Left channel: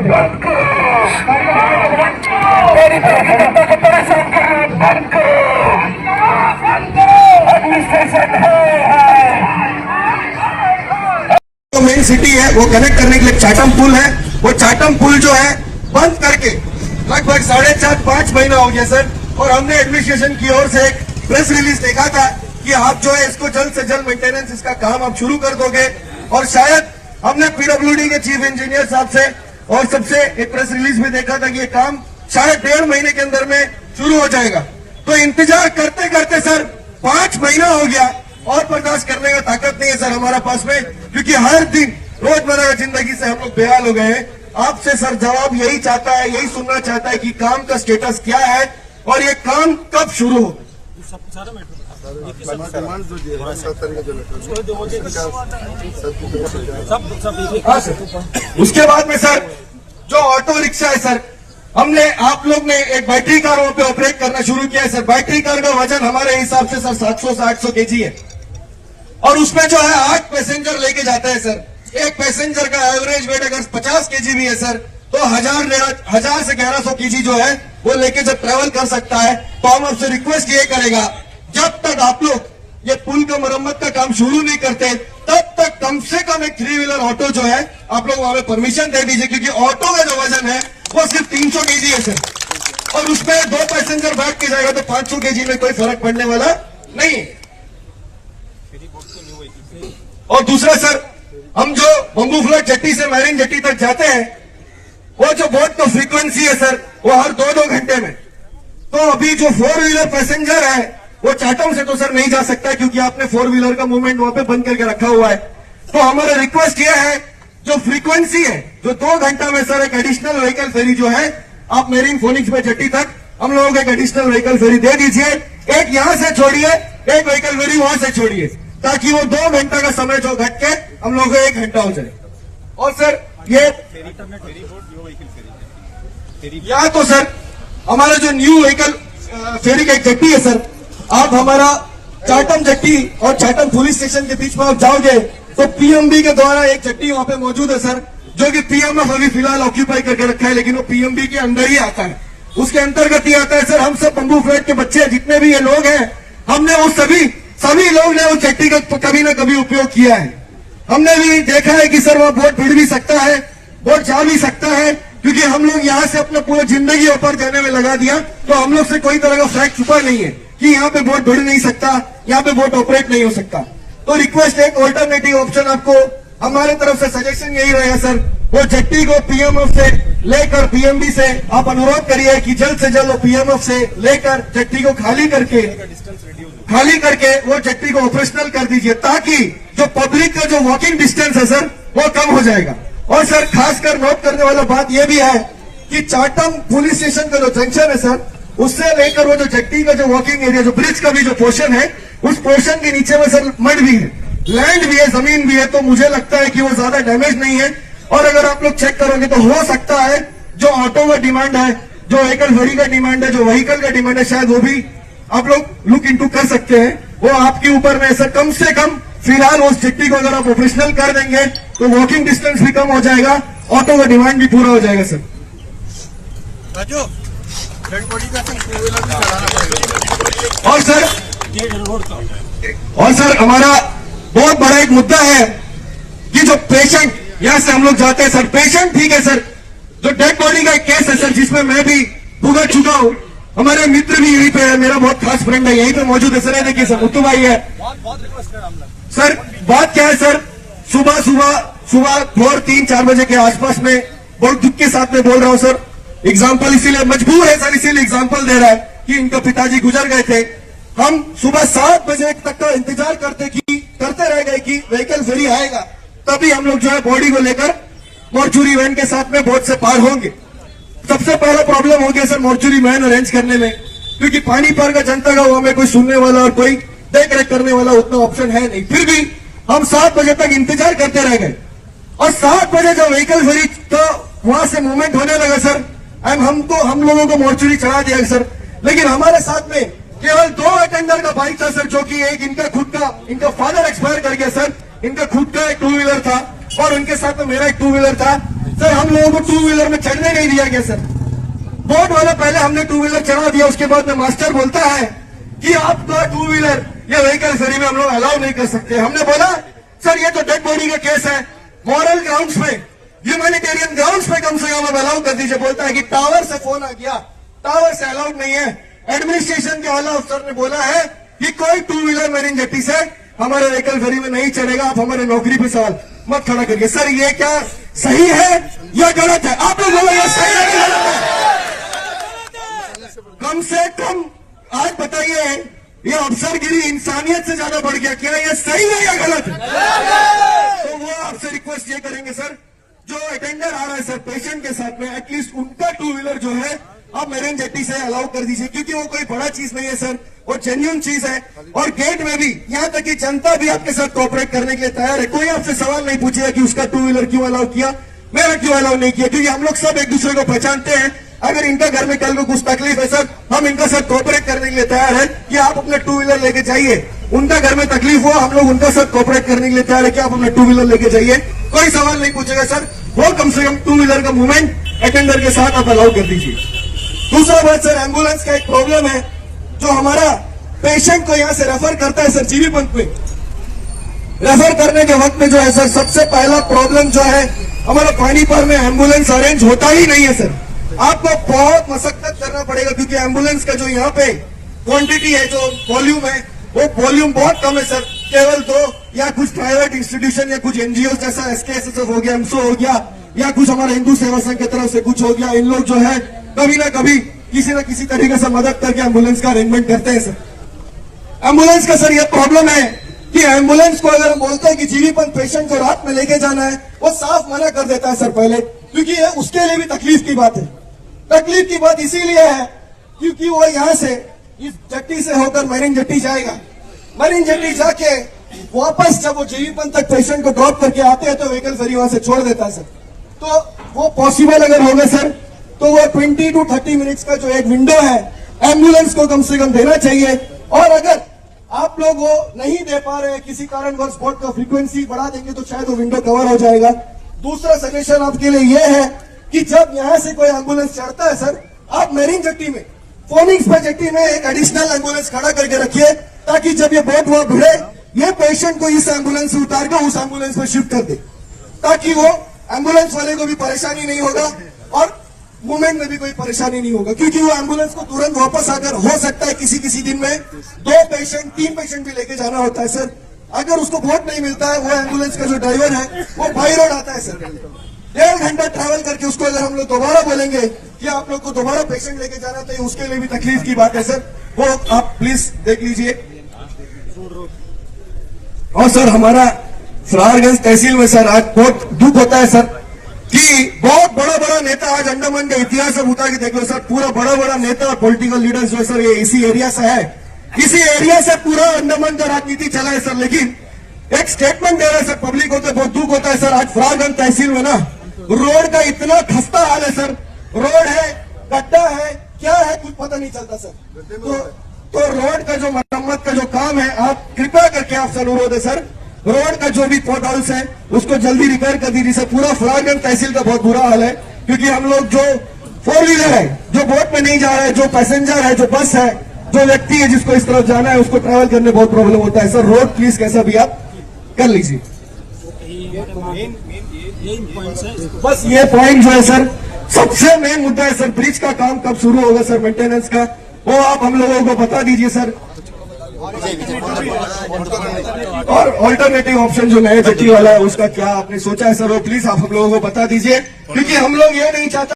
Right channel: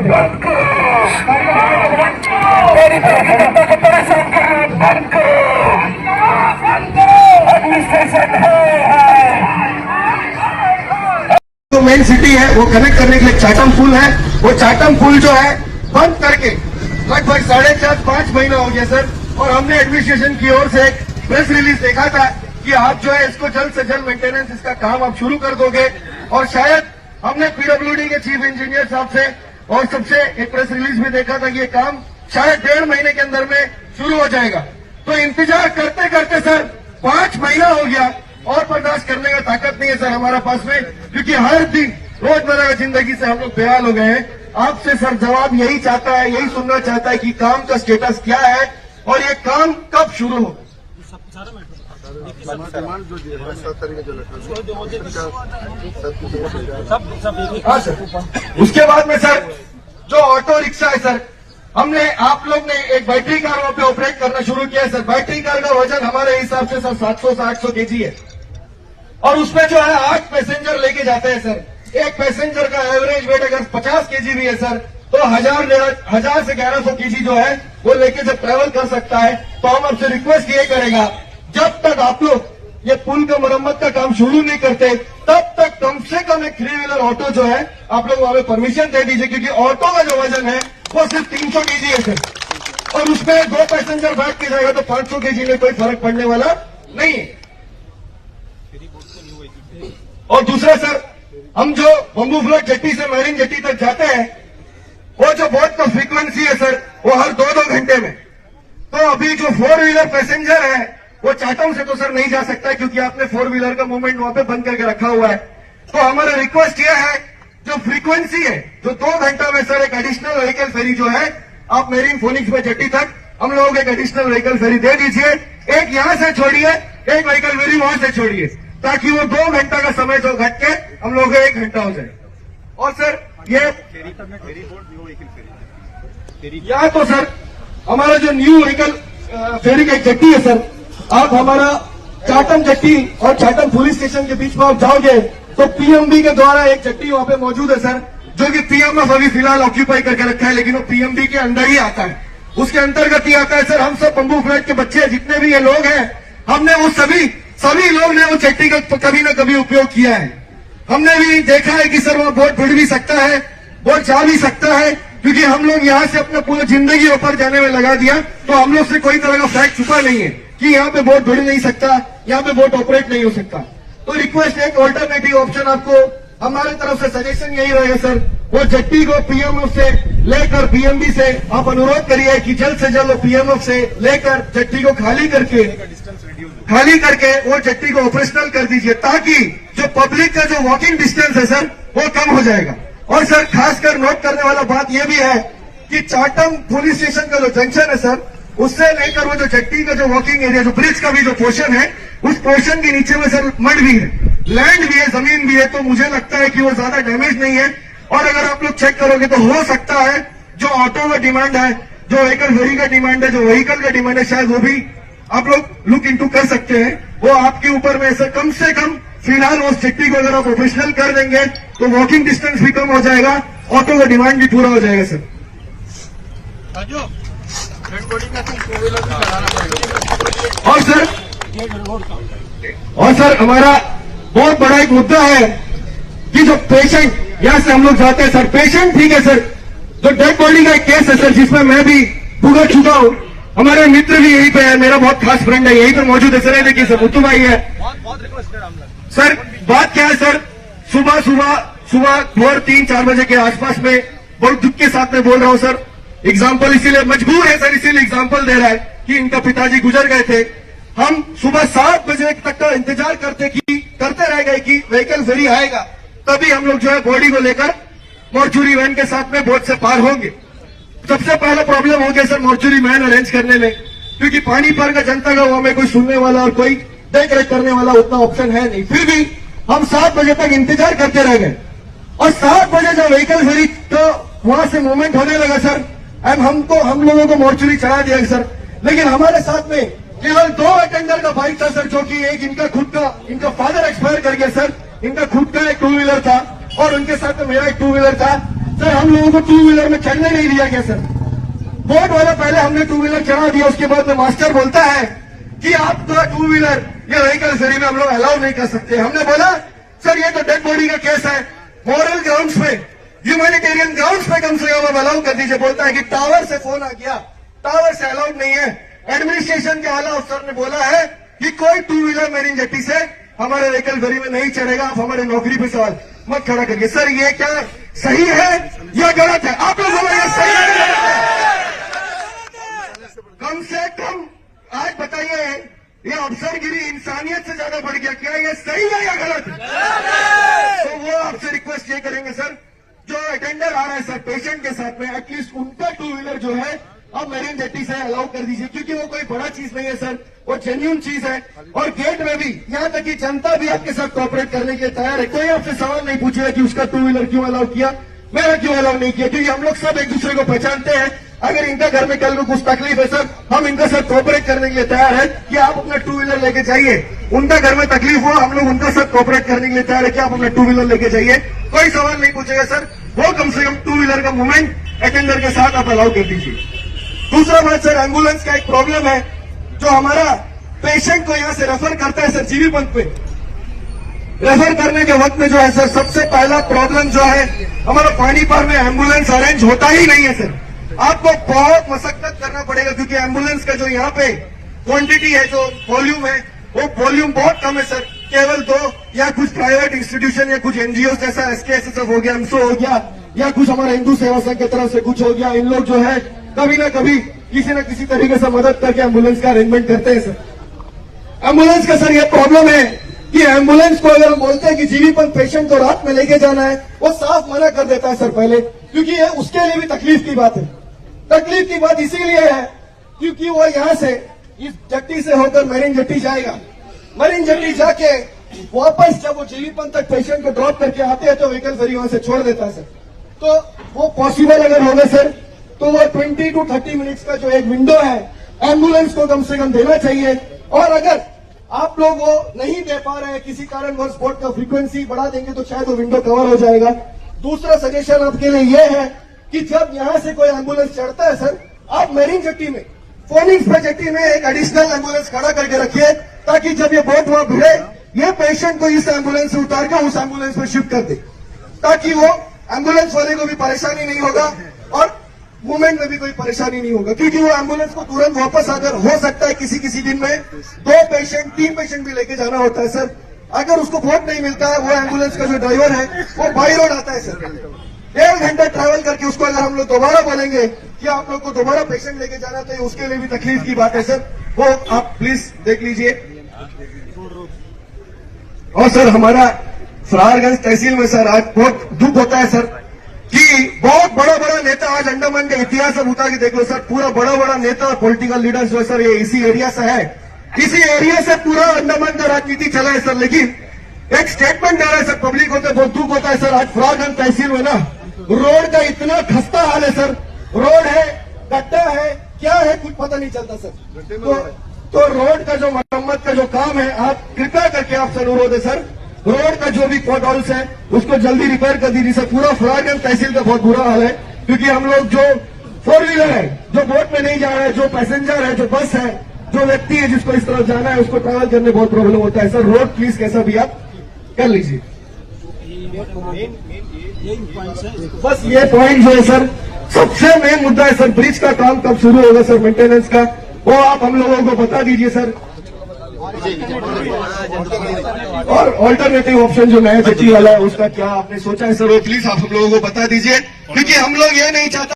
बंद करो, मेरी प्रधानता को परेशान करना बंद करो, एडमिनिस्ट्रेशन है। जो मेन सिटी है वो कनेक्ट करने के लिए चाटम पुल है, वो चाटम पुल जो है बंद करके लगभग 4.5-5 महीना हो गया सर। और हमने एडमिनिस्ट्रेशन की ओर से एक प्रेस रिलीज देखा था कि आप जो है इसको जल्द से जल्द मेंटेनेंस इसका काम आप शुरू कर दोगे। और शायद हमने पीडब्ल्यूडी के चीफ इंजीनियर साहब से और सबसे एक प्रेस रिलीज में देखा था कि ये काम शायद 1.5 महीने के अंदर में शुरू हो जाएगा। तो इंतजार करते करते सर 5 महीना हो गया और बर्दाश्त करने का ताकत नहीं है सर हमारा पास में, क्योंकि हर दिन रोजमर्रा की जिंदगी से हम लोग बेहाल हो गए हैं। आपसे सर जवाब यही चाहता है, यही सुनना चाहता है कि काम का स्टेटस क्या है और ये काम कब शुरू हो। हाँ सर, उसके बाद में सर जो ऑटो रिक्शा है सर, हमने आप लोग ने एक बैटरी कार वहां पे ऑपरेट करना शुरू किया है सर। बैटरी कार का वजन हमारे हिसाब से सर 700 से 800 केजी है और उसमें जो है 8 पैसेंजर लेके जाते हैं सर। एक पैसेंजर का एवरेज वेट अगर 50 केजी भी है सर तो 1000 से 1100 केजी जो है वो लेके जब ट्रेवल कर सकता है। तो हम आपसे रिक्वेस्ट ये करेगा, जब तक आप लोग ये पुल का मरम्मत का काम शुरू नहीं करते तब तक कम से कम एक 3 व्हीलर ऑटो जो है आप लोग वहां पे परमिशन दे दीजिए, क्योंकि ऑटो का जो वजन है वो सिर्फ 300 केजी है सर और उसमें 2 पैसेंजर बैठ के जाएगा तो 500 केजी में कोई फर्क पड़ने वाला नहीं है। और दूसरा सर, हम जो बम्बू फ्लोट जेट्टी से मैरिन जेट्टी तक जाते हैं वो जो बोट का फ्रीक्वेंसी है सर वो हर 2-2 घंटे में। तो अभी जो 4 व्हीलर पैसेंजर है वो चाटम से तो सर नहीं जा सकता है, क्योंकि आपने 4 व्हीलर का मूवमेंट वहां पे बंद करके रखा हुआ है। तो हमारा रिक्वेस्ट ये है, जो फ्रीक्वेंसी है जो 2 घंटा में सर एक एडिशनल व्हीकल फेरी जो है आप मेरीन फोनिक्स में जेट्टी तक हम लोगों को एक एडिशनल व्हीकल फेरी दे दीजिए। एक यहां से छोड़िए, एक व्हीकल फेरी वहां से छोड़िए, ताकि वो 2 घंटा का समय जो घट के हम लोगों को 1 घंटा हो जाए। और सर ये या तो सर हमारा जो न्यू व्हीकल फेरी का एक जेट्टी है सर, आप हमारा चाटम जेट्टी और चाटम पुलिस स्टेशन के बीच में आप जाओगे तो पीएमबी के द्वारा एक जेट्टी वहां पे मौजूद है सर, जो कि पीएमएफ अभी फिलहाल ऑक्यूपाई करके रखा है, लेकिन वो पीएमबी के अंदर ही आता है, उसके अंतर्गत ही आता है सर। हम सब बम्बू फ्लैट के बच्चे जितने भी ये लोग हैं, हमने वो सभी लोग ने उस जेट्टी का कभी ना कभी उपयोग किया है। हमने भी देखा है कि सर वहां बोट भिड़ भी सकता है, बोट जा भी सकता है, क्योंकि हम लोग यहाँ से अपना पूरा जिंदगी ऊपर जाने में लगा दिया। तो हम लोग से कोई तरह का फैक्ट छुपा नहीं है कि यहाँ पे बोट भिड़ नहीं सकता, यहाँ पे बोट ऑपरेट नहीं हो सकता। तो रिक्वेस्ट एक ऑल्टरनेटिव ऑप्शन आपको हमारे तरफ से सजेशन यही रहेगा सर, वो जेट्टी को पीएमएफ से लेकर पीएमबी से आप अनुरोध करिए कि जल्द से जल्द पीएमएफ से लेकर जेट्टी को खाली करके वो जेट्टी को ऑपरेशनल कर दीजिए, ताकि जो पब्लिक का जो वॉकिंग डिस्टेंस है सर वो कम हो जाएगा। और सर खासकर नोट करने वाला बात यह भी है कि चाटम पुलिस स्टेशन का जो जंक्शन है सर, उससे लेकर वो जो जेट्टी का जो वॉकिंग एरिया, जो ब्रिज का भी जो पोर्शन है, उस पोर्शन के नीचे में सर मड भी है, लैंड भी है, जमीन भी है। तो मुझे लगता है कि वो ज्यादा डैमेज नहीं है। और अगर आप लोग चेक करोगे तो हो सकता है जो ऑटो का डिमांड है, जो व्हीकल फेरी का डिमांड है, जो व्हीकल का डिमांड है, शायद वो भी आप लोग लुक इनटू कर सकते हैं। वो आपके ऊपर में सर कम से कम फिलहाल उस जेट्टी को अगर आप प्रोफेशनल कर देंगे तो वॉकिंग डिस्टेंस भी कम हो जाएगा, ऑटो का डिमांड भी पूरा हो जाएगा सर। और सर हमारा बहुत बड़ा एक मुद्दा है कि जो पेशेंट यहां से हम लोग जाते हैं सर, पेशेंट ठीक है सर, जो डेड बॉडी का एक केस है सर जिसमें मैं भी भुगत चुका हूं, हमारे मित्र भी यहीं पे है, मेरा बहुत खास फ्रेंड है यहीं पे मौजूद है सर, देखिए सर मुत्तू भाई है सर। बात क्या है सर, सुबह 3-4 बजे के आसपास में बहुत दुख के साथ में बोल रहा हूं सर, एग्जाम्पल इसीलिए मजबूर है सर, इसीलिए एग्जाम्पल दे रहा है कि इनका पिताजी गुजर गए थे। हम सुबह 7 बजे तक का इंतजार करते रह गए कि व्हीकल फेरी आएगा, तभी हम लोग जो है बॉडी को लेकर मॉर्चुरी वैन के साथ में बोट से पार होंगे। सबसे पहला प्रॉब्लम हो गया सर मॉर्चुरी वैन अरेंज करने में, क्योंकि पानी पर का जनता का हुआ में कोई सुनने वाला और कोई देख रेख करने वाला उतना ऑप्शन है नहीं। फिर भी हम 7 बजे तक इंतजार करते रह गए और 7 बजे जो व्हीकल फेरी तो वहां से मूवमेंट होने लगा सर, हम लोगों को मॉर्चुरी चढ़ा दिया सर। लेकिन हमारे साथ में केवल 2 अटेंडर का बाइक था सर, जो कि एक इनका फादर एक्सपायर कर गया सर, इनका खुद का एक 2 व्हीलर था और उनके साथ में मेरा एक 2 व्हीलर था। सर हम लोगों को टू व्हीलर में चढ़ने नहीं दिया गया सर। बोट वाला पहले हमने टू व्हीलर चढ़ा दिया, उसके बाद में मास्टर बोलता है कि आपका टू व्हीलर या व्हीकल फेरी में हम लोग अलाउ नहीं कर सकते। हमने बोला सर ये तो डेड बॉडी का केस है, मॉरल ग्राउंड्स पे, ह्यूमैनिटेरियन ग्राउंड्स पे कम से कम आप अलाउ कर दीजिए। बोलता है कि टावर से फोन आ गया, टावर से अलाउड नहीं है। एडमिनिस्ट्रेशन के आला अफसर ने बोला है कि कोई टू व्हीलर मेरिन जेट्टी से हमारे व्हीकल फेरी में नहीं चढ़ेगा, आप हमारे नौकरी पे सवाल मत खड़ा करिए। सर ये क्या सही है या गलत है? आप लोग बोलो ये सही है या गलत है? कम से कम आज बताइए, ये अफसरगिरी इंसानियत से ज्यादा बढ़ गया, क्या ये सही है या गलत है? तो वो आपसे रिक्वेस्ट ये करेंगे सर, जो अटेंडर आ रहा है सर पेशेंट के साथ में, एटलीस्ट उनका टू व्हीलर जो है आप मेरिन जेट्टी से अलाउ कर दीजिए, क्योंकि वो कोई बड़ा चीज नहीं है सर, वो जेन्युइन चीज है। और गेट में भी, यहाँ तक कि जनता भी आपके साथ कोऑपरेट करने के लिए तैयार है। कोई आपसे सवाल नहीं पूछेगा कि उसका टू व्हीलर क्यों अलाउ किया, मेरा क्यों अलाउ नहीं किया, क्योंकि हम लोग सब एक दूसरे को पहचानते हैं। अगर इनका घर में कल को कुछ तकलीफ है सर, हम इनका साथ कोऑपरेट करने के लिए तैयार है कि आप अपना टू व्हीलर लेके जाइए। उनका घर में तकलीफ हो, हम लोग उनका साथ कोऑपरेट करने के लिए तैयार है कि आप अपना टू व्हीलर लेके जाइए, कोई सवाल नहीं पूछेगा सर। वो कम से कम टू व्हीलर का मूवमेंट अटेंडर के साथ आप अलाउ कर दीजिए। दूसरा बात सर, एम्बुलेंस का एक प्रॉब्लम है, जो हमारा पेशेंट को यहाँ से रेफर करता है सर जीबी पंप पे, रेफर करने के वक्त में जो है सर, सबसे पहला प्रॉब्लम जो है हमारा पानीपत में एम्बुलेंस अरेंज होता ही नहीं है सर। आपको बहुत मशक्कत करना पड़ेगा, क्योंकि एम्बुलेंस का जो यहाँ पे क्वांटिटी है, जो वॉल्यूम है, वो वॉल्यूम बहुत कम है सर। केवल दो या कुछ प्राइवेट इंस्टीट्यूशन या कुछ एनजीओ जैसा SKSSF हो गया, एमसो हो गया, या कुछ हमारा हिंदू सेवा संघ की तरफ से कुछ हो गया, इन लोग जो है कभी ना कभी किसी न किसी तरीके से मदद करके एम्बुलेंस का अरेंजमेंट करते हैं सर। एम्बुलेंस का सर ये प्रॉब्लम है कि एम्बुलेंस को अगर हम बोलते हैं कि जीवीपंत पेशेंट को रात में लेके जाना है, वो साफ मना कर देता है सर पहले, क्योंकि ये उसके लिए भी तकलीफ की बात है। तकलीफ की बात इसीलिए है क्योंकि वो यहाँ से इस जेट्टी से होकर मेरिन जेट्टी जाएगा, मेरिन जेट्टी जाके वापस जब वो जीवीपंत तक पेशेंट को ड्रॉप करके आते हैं तो व्हीकल फेरी वहां से छोड़ देता है सर। तो वो पॉसिबल अगर होगा सर, तो वो 20 to 30 मिनट्स का जो एक विंडो है एम्बुलेंस को कम से कम देना चाहिए। और अगर आप लोग वो नहीं दे पा रहे हैं, किसी कारणवश बोर्ड का फ्रीक्वेंसी बढ़ा देंगे तो शायद वो विंडो कवर हो जाएगा। दूसरा सजेशन आपके लिए ये है कि जब यहां से कोई एम्बुलेंस चढ़ता है सर, आप मेरिन जेट्टी में, फोनिक्स पे जेट्टी में एक एडिशनल एम्बुलेंस खड़ा करके रखिए, ताकि जब ये बोट वहां भिड़े, ये पेशेंट को इस एम्बुलेंस से उतार कर उस एम्बुलेंस में शिफ्ट कर दे, ताकि वो एम्बुलेंस वाले को भी परेशानी नहीं होगा और मूवमेंट में भी कोई परेशानी नहीं होगा। क्योंकि वो एम्बुलेंस को तुरंत वापस आकर, हो सकता है किसी किसी दिन में 2 पेशेंट 3 पेशेंट भी लेके जाना होता है सर। अगर उसको बोट नहीं मिलता है, वो एम्बुलेंस का जो ड्राइवर है वो बाई रोड आता है सर, 1.5 घंटा ट्रैवल करके उसको अगर हम लोग दोबारा बोलेंगे कि आप लोग को दोबारा पेशेंट लेके जाना, तो उसके लिए भी तकलीफ की बात है सर। वो आप प्लीज देख लीजिए। और सर हमारा फरारगंज तहसील में सर आज बहुत दुख होता है सर कि बहुत बड़ा बड़ा नेता, आज अंडमान का इतिहास अब उतार के देख लो सर, पूरा बड़ा बड़ा नेता और पॉलिटिकल लीडर्स जो सर ये इसी एरिया से है, इसी एरिया से पूरा अंडमान का राजनीति चला है सर। लेकिन एक स्टेटमेंट दे रहा है सर, पब्लिक होते बहुत दुख होता है सर। आज फरारगंज तहसील में ना रोड का इतना खस्ता हाल है सर, रोड है, गड्ढा है, क्या है कुछ पता नहीं चलता सर। तो रोड का जो मरम्मत का जो काम है, आप कृपया करके आप सर अनुरोध है सर, रोड का जो भी पॉट होल्स है उसको जल्दी रिपेयर कर दीजिए सर। पूरा फरारगंज तहसील का बहुत बुरा हाल है, क्योंकि हम लोग जो 4 व्हीलर है, जो बोट में नहीं जा रहा है, जो पैसेंजर है, जो बस है, जो व्यक्ति है जिसको इस तरफ जाना है, उसको ट्रैवल करने बहुत प्रॉब्लम होता है सर। रोड प्लीज कैसा भी आप कर लीजिए। बस ये पॉइंट जो है सर, सबसे मेन मुद्दा है सर, ब्रिज का काम कब शुरू होगा सर, मेंटेनेंस का, वो आप हम लोगों को बता दीजिए सर। और ऑल्टरनेटिव ऑप्शन जो नया जेटी वाला है उसका क्या आपने सोचा है सर, वो प्लीज आप हम लोगों को बता दीजिए, क्योंकि हम लोग ये नहीं चाहते